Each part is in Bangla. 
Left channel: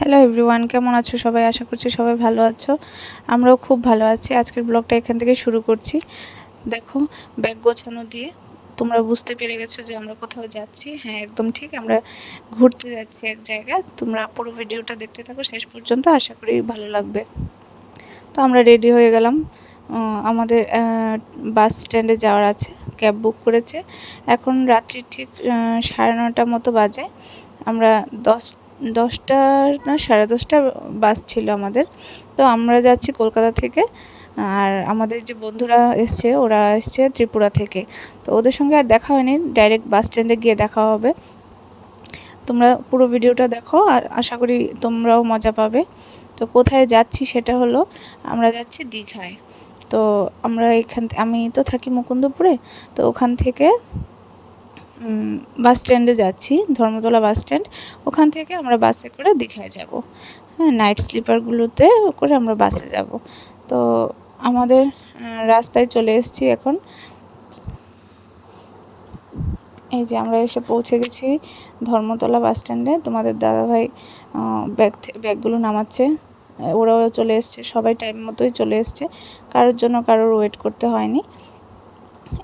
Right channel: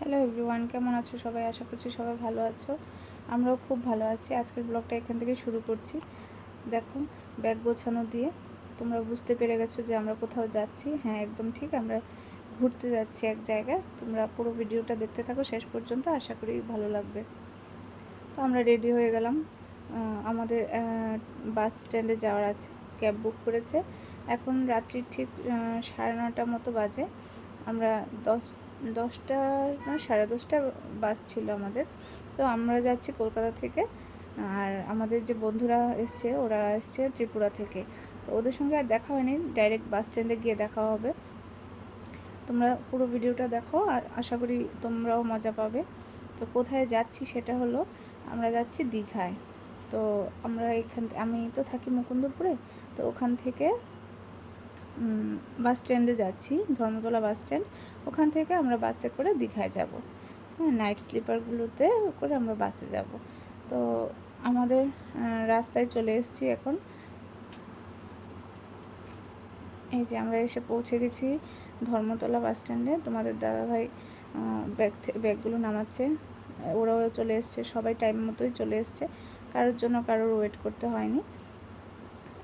হ্যালো এভরিওয়ান, কেমন আছো সবাই? আশা করছি সবাই ভালো আছো। আমরাও খুব ভালো আছি। আজকের ব্লগটা এখান থেকে শুরু করছি। দেখো, ব্যাগ গোছানো দিয়ে তোমরা বুঝতে পেরে গেছো যে আমরা কোথাও যাচ্ছি। হ্যাঁ, একদম ঠিক, আমরা ঘুরতে যাচ্ছি এক জায়গায়। তোমরা পুরো ভিডিওটা দেখতে থাকো শেষ পর্যন্ত, আশা করি ভালো লাগবে। তো আমরা রেডি হয়ে গেলাম। আমাদের বাস স্ট্যান্ডে যাওয়ার আছে, ক্যাব বুক করেছে। এখন রাত্রি ঠিক 9:30 মতো বাজে। আমরা 10টা না 10:30 বাস ছিল আমাদের। তো আমরা যাচ্ছি কলকাতা থেকে। আর আমাদের যে বন্ধুরা এসছে, ওরা এসছে ত্রিপুরা থেকে। তো ওদের সঙ্গে আর দেখা হয়নি, ডাইরেক্ট বাস স্ট্যান্ডে গিয়ে দেখা হবে। তোমরা পুরো ভিডিওটা দেখো, আর আশা করি তোমরাও মজা পাবে। তো কোথায় যাচ্ছি সেটা হলো, আমরা যাচ্ছি দীঘায়। তো আমরা আমি তো থাকি মুকুন্দপুরে। তো ওখান থেকে বাস স্ট্যান্ডে যাচ্ছি, ধর্মতলা বাস স্ট্যান্ড। ওখান থেকে আমরা বাসে করে দীঘায় যাব। হ্যাঁ, নাইট স্লিপারগুলোতে করে আমরা বাসে যাব। তো আমাদের রাস্তায় চলে এসেছি এখন। এই যে আমরা এসে পৌঁছে গেছি ধর্মতলা বাস স্ট্যান্ডে। তোমাদের দাদাভাই ব্যাগগুলো নামাচ্ছে। ওরাও চলে এসছে, সবাই টাইম মতোই চলে এসছে, কারোর জন্য কারোর ওয়েট করতে হয়নি।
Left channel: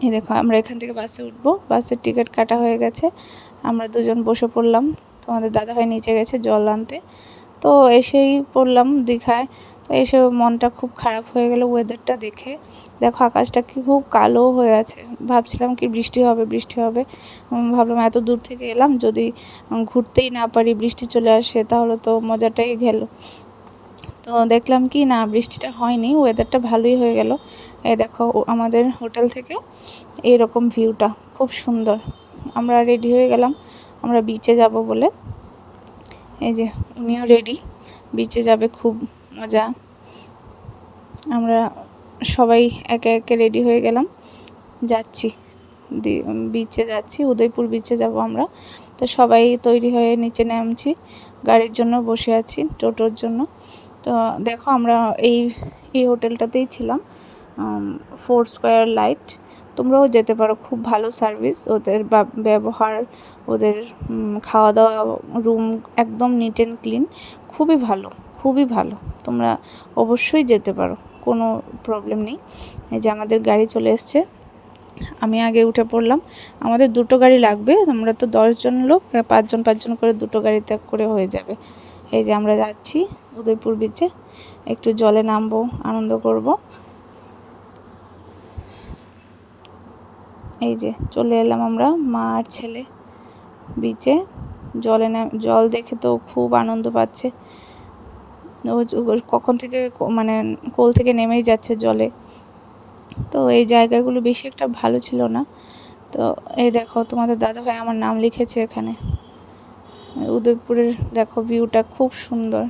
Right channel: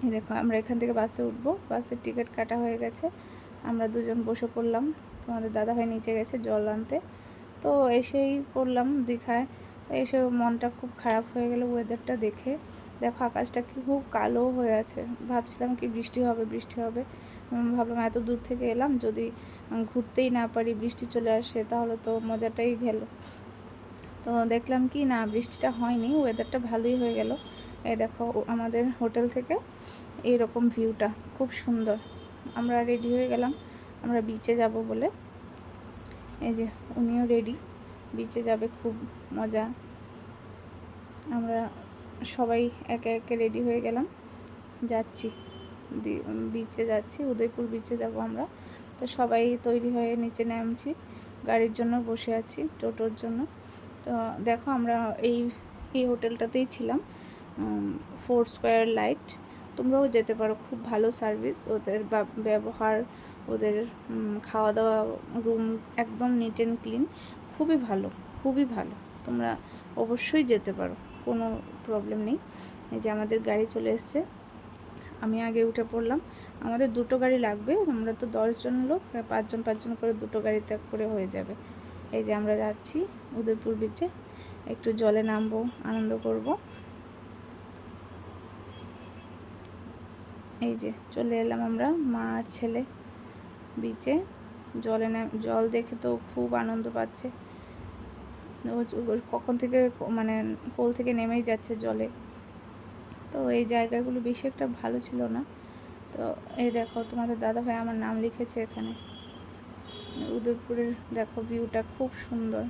এই দেখো, আমরা এখান থেকে বাসে উঠবো। বাসের টিকিট কাটা হয়ে গেছে। আমরা দুজন বসে পড়লাম। তোমাদের দাদাভাই নিচে গেছে জল আনতে। তো এসেই পড়লাম দীঘায়। তো এসে মনটা খুব খারাপ হয়ে গেল ওয়েদারটা দেখে। দেখো, আকাশটা কি খুব কালো হয়ে আছে। ভাবছিলাম কি বৃষ্টি হবে বৃষ্টি হবে। ভাবলাম এত দূর থেকে এলাম, যদি ঘুরতেই না পারি, বৃষ্টি চলে আসে, তাহলে তো মজাটাই গেল। তো দেখলাম কি না, বৃষ্টিটা হয়নি, ওয়েদারটা ভালোই হয়ে গেল। এই দেখো, আমাদের হোটেল থেকে এইরকম ভিউটা খুব সুন্দর। আমরা রেডি হয়ে গেলাম, আমরা বিচে যাব বলে। এই যে উনিও রেডি, বিচে যাবে, খুব মজা। আমরা সবাই একে একে রেডি হয়ে গেলাম, যাচ্ছি বিচে যাচ্ছি, উদয়পুর বিচে যাব আমরা। তো সবাই তৈরি হয়ে নিচে নামছি, গাড়ির জন্য বসে আছি, টোটোর জন্য। তো দেখো, আমরা এই এই হোটেলটাতেই ছিলাম, ফোর স্কোয়ার লাইট। তোমরাও যেতে পারো, খুব ভালো সার্ভিস ওদের, ব্যবহার ওদের, খাওয়া দাওয়া, রুম একদম নিট অ্যান্ড ক্লিন, খুবই ভালো, খুবই ভালো। তোমরা অবশ্যই যেতে পারো, কোনো প্রবলেম নেই। এই যে আমাদের গাড়ি চলে এসছে, আমি আগে উঠে পড়লাম। আমাদের দুটো গাড়ি লাগবে, আমরা তো 10জন লোক, 5জন 5জন করে দুটো গাড়িতে করে হয়ে যাবে। এই যে আমরা যাচ্ছি উদয়পুর বিচে, একটু জলে নামবো, আনন্দ করব। এই যে চলে এলাম আমরা, মা আর ছেলে বিচে। জল দেখে তো খুব আনন্দ পাচ্ছে। কখন থেকে মানে কোল থেকে নেমেই যাচ্ছে জলে। তো এই জায়গাগুলো বেশি একটা ভালো ছিল না। তো এই দেখো, তোমাদের দাদাভাই আমার নাম লিখেছে এখানে। উদয়পুরের দেখো ভিউটা খুব সুন্দর।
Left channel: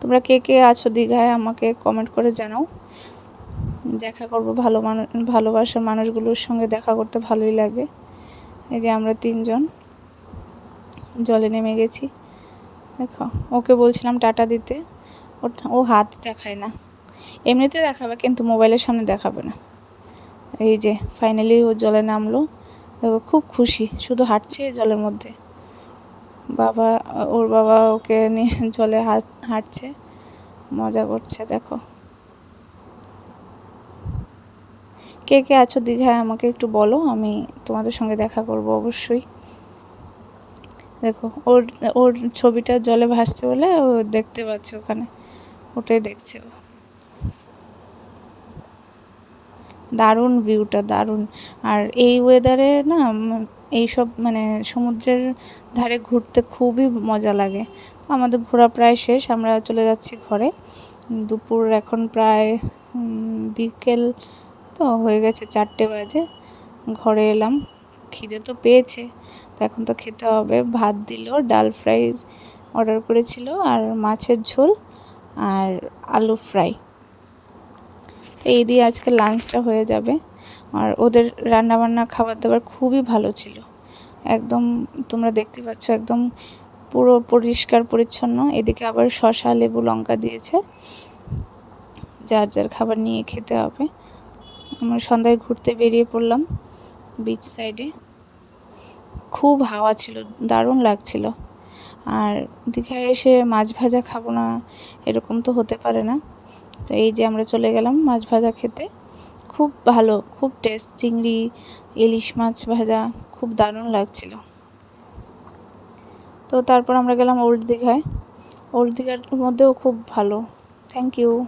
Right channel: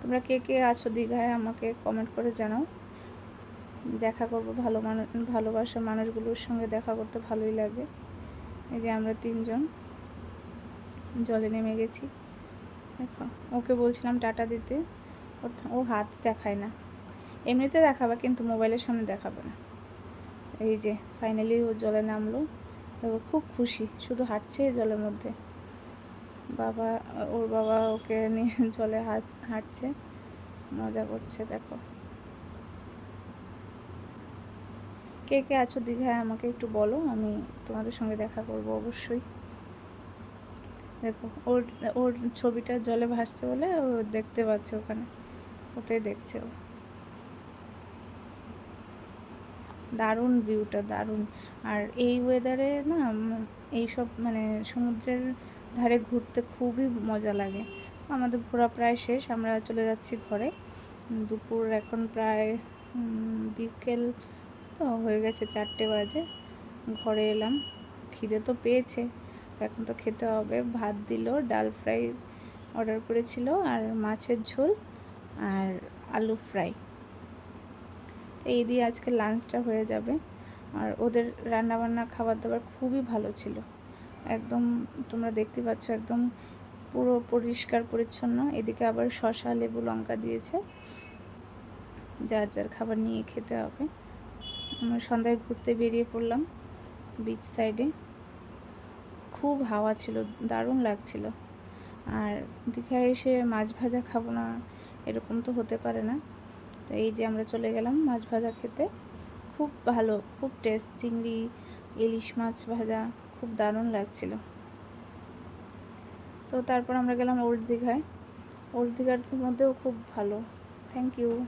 তোমরা কে কে আছো দীঘায় আমাকে কমেন্ট করে জানাও। দেখা করবো, ভালোবাসার মানুষগুলোর সঙ্গে দেখা করতে ভালোই লাগে। এই যে আমরা 3জন জলে নেমে গেছি। দেখো, ওকে বলছিলাম টাটা দিতে, ও হাত দেখায় না। এমনিতে দেখাবে, কিন্তু মোবাইলের সামনে দেখাবে না। এই যে ফাইনালি ও জলে নামলো। দেখো, খুব খুশি, শুধু হাঁটছে জলের মধ্যে। ওর বাবা ওকে নিয়ে জলে হাঁটছে, মজা করছে। দেখো, কে কে আছো দীঘায় আমাকে একটু বলো, আমি তোমাদের সঙ্গে দেখা করব অবশ্যই। দেখো, ওর ওর ছবিটা জলে ভাসছে বলে ও দেখতে পাচ্ছে, ওখানে ওটাই দেখছে ও। দারুণ ভিউটা, দারুণ। আর এই ওয়েদারে না, এইসব মানে সমুদ্রের ধারে ঘুরতে খুবই মজা লাগে। আমাদের ঘোরা প্রায় শেষ, আমরা চলে যাচ্ছি ঘরে। দুপুর এখন প্রায় বিকেল তো হয়ে গেছে, 4টে বাজে। ঘরে এলাম, খিদে তো পেয়েছে, তো এখন তো খেতে হবে। ভাত দিল, ডাল ফ্রাই অর্ডার করেছিল, আর মাছের ঝোল, আর আলু ফ্রাই। এই দিয়ে আজকে লাঞ্চটা হয়ে যাবে। আর ওদের রান্নাবান্না, খাবার দাবার খুবই ভালো ছিল। একদম তোমরা দেখতে পাচ্ছ, একদম পুরো পরিষ্কার পরিচ্ছন্ন। এদিকে আবার শসা, লেবু, লঙ্কা দিয়েছে। যার যার খাবার নিয়ে খেতে হবে। আমরা সন্ধ্যায় ঘুরতে বেরিয়ে পড়লাম বিচ সাইডে। খুব হাওয়া ছিল, দারুণ লাগছিল। আর দীঘায় এসে মাছ ভাজা খাবো না এরকম তো হতে পারে না। তো এই যে আমরা চলে গেলাম মাছ ভাজা খেতে। খুব ভালো, খুব টেস্ট, চিংড়ি, ইলিশ মাছ ভাজা খুব দারুণ লাগছিল। তো তারপর আমরা গেলাম ওল্ড দীঘায়। ওল্ড দীঘার মধ্যেও খুব ভালো। Thank you.